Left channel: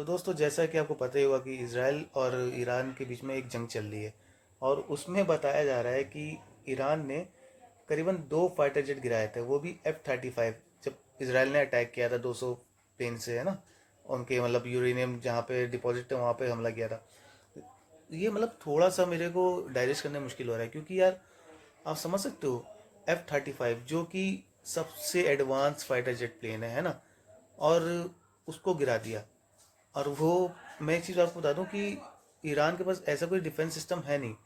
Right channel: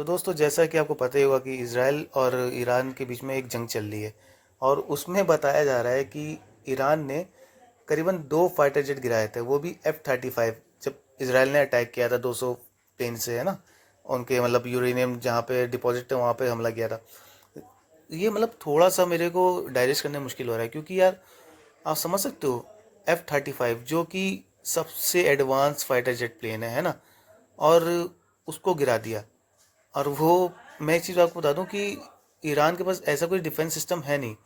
तो दोस्तों, जैसा कि आपको पता ही होगा कि इज़राइल और ईरान के बीच में एक जंग चल रही है, और उसमें बताया जा रहा है कि ईरान ने करीबन 2 फाइटर जेट गिराए थे, वो भी F-35, जब इज़राइल ने अटैक किया था 200 प्लेन से, है ना, उनके मतलब यूरेनियम जहाँ पे डिपॉजिट थे वहाँ पे हमला किया था। ये मतलब थोड़ा सा मेरे को डाइजेस्ट करने में मुश्किल हो रहा है, क्योंकि यार आप समझ सकते हो, F-35 जो कि सबसे एडवांस फाइटर जेट प्लेन है ना, और उसको गिरा दिया। और वो, मैं एक चीज़ आपको बता दूं कि ईरान के पास ऐसा कोई डिफेंस सिस्टम है नहीं।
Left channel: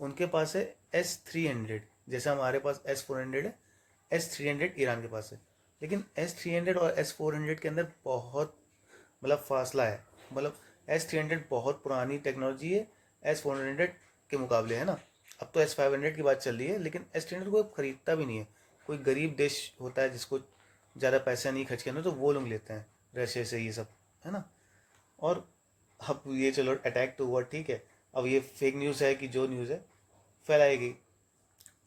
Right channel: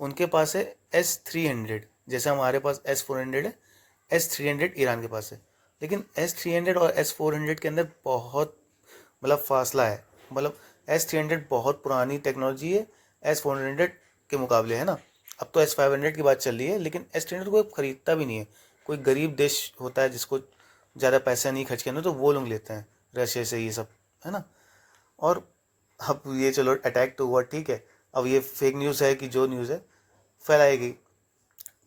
उनके पास है S-300, जैसे हमारे पास S-400 है, S-300 ईरान के पास है। लेकिन S-300 और S-400 के अंदर बहुत मतलब फासला है। मतलब S-300 बहुत पुरानी टेक्नोलॉजी है S-400 के मुकाबले, है ना। अब तो S-500 की बात चल रही है, लेकिन S-300 कोई खरीदता भी नहीं है। कोई गरीब देश होता है जिसको ज़्यादा पैसा नहीं खर्च करना, तो वो लोग लेते हैं रशिया से ये सब, है ना। और अब ये चलो अटैक तो हुआ, ठीक है। अब ये फेक न्यूज़ है कि जो न्यूज़ है फैलाई गई,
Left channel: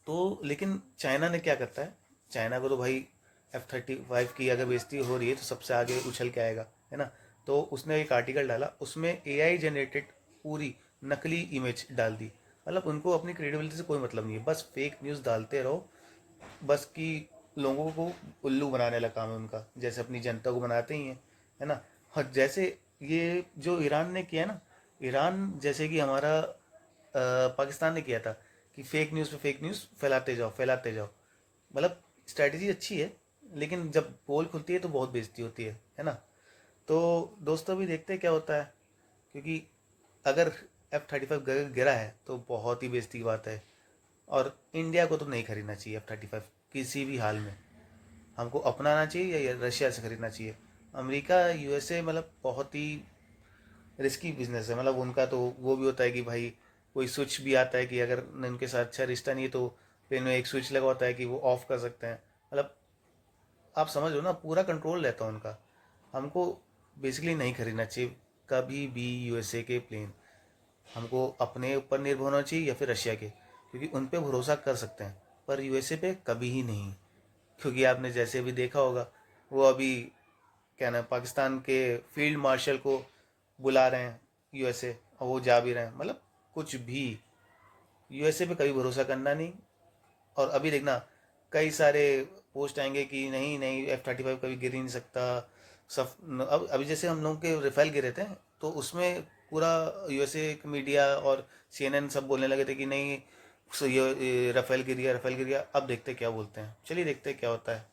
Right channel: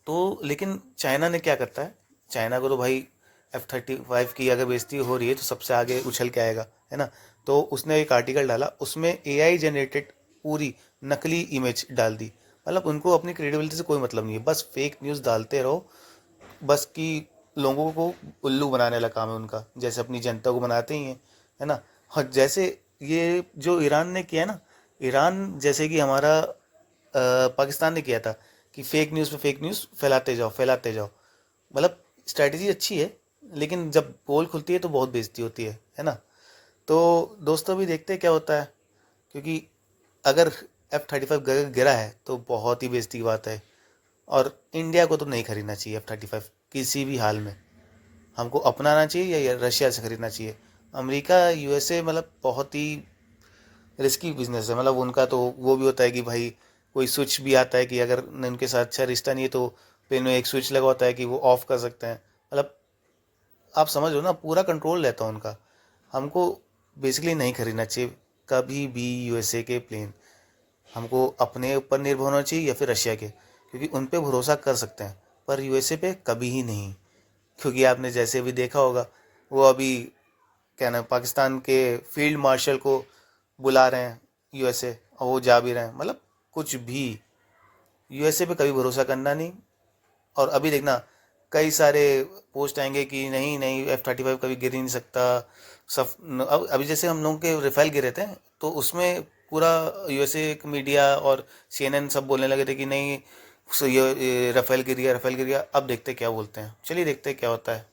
तो लेकिन चाइना ने क्या करता है, चाइना को तो भाई F-35 की अगर बेइज्जती हो रही है तो सबसे आगे उछल के आएगा, है ना। तो उसने एक आर्टिकल डाला, उसमें AI जनरेटेड पूरी नकली इमेज डाल दी। मतलब उनको अपनी क्रेडिबिलिटी से कोई मतलब नहीं है, बस फेक न्यूज़ डालते रहो, बस कि लोगों को उल्लू बनाने वाला काम है उनका, जैसे अपनी जनता को बनाते ही हैं, है ना। और जैसे ये जो ईरान ने किया ना, ईरान जैसे कि हमारा पाकिस्तान ने किया था कि फेक न्यूज़ पे फेक न्यूज़ फैलाते जाओ फैलाते जाओ। मतलब स्ट्रैटेजी अच्छी है, लेकिन जब पोल खुलती है तो बहुत बेइज्जती होती है ना। तो दोस्तों, अभी देखते हैं क्या होता है, क्योंकि अगर F-35 गिरा है तो बहुत ही बेइज्जती की बात है। और इंडिया को तो नहीं खरीदना चाहिए F-35 किसी भी हाल में। हमको अपनाना चाहिए या रशिया से खरीदना चाहिए। अमेरिका, USA मतलब बहुत ही रिस्की बिजनेस है। मतलब उनका तो वो भी होता है कि भाई कोई स्विच भी आता है कि अगर उनके साथ अच्छा रिश्ता नहीं है तो पेन में एक स्विच लगा होता है कि वो ऑफ कर सकते हैं। मतलब आप समझ लो ना, पूरा कंट्रोल रहता है उनका। हमको बेसिकली नहीं खरीदना चाहिए कभी भी USA के प्लेन। हमको अपने ऊपर निर्भर होना चाहिए या फिर रशिया के, क्योंकि उन पे भरोसा कर सकते हैं, पर USA पे कभी ही नहीं। क्योंकि आपने जैसे भी देखा होगा, वो अभी क्या नाम, पाकिस्तान के फील्ड मार्शल को बुला रहे हैं USA, और वो जा भी रहे हैं। मतलब कुछ भी, USA पे कभी भरोसा करना नहीं। और अभी देखना, कई सारे पोस्ट आएंगे कि नहीं नहीं F-35 कभी गिर ही नहीं सकता। सब अब अभी जैसे हम लोगों के राफेल गिरे थे, तो उसमें पूरा USA मीडिया और CNN सब बोलने लगे थे कि नहीं, ये राफेल गिर गया राफेल गिर गया। अब देखते क्या बोलते हैं, चलिए देखते क्या होता है।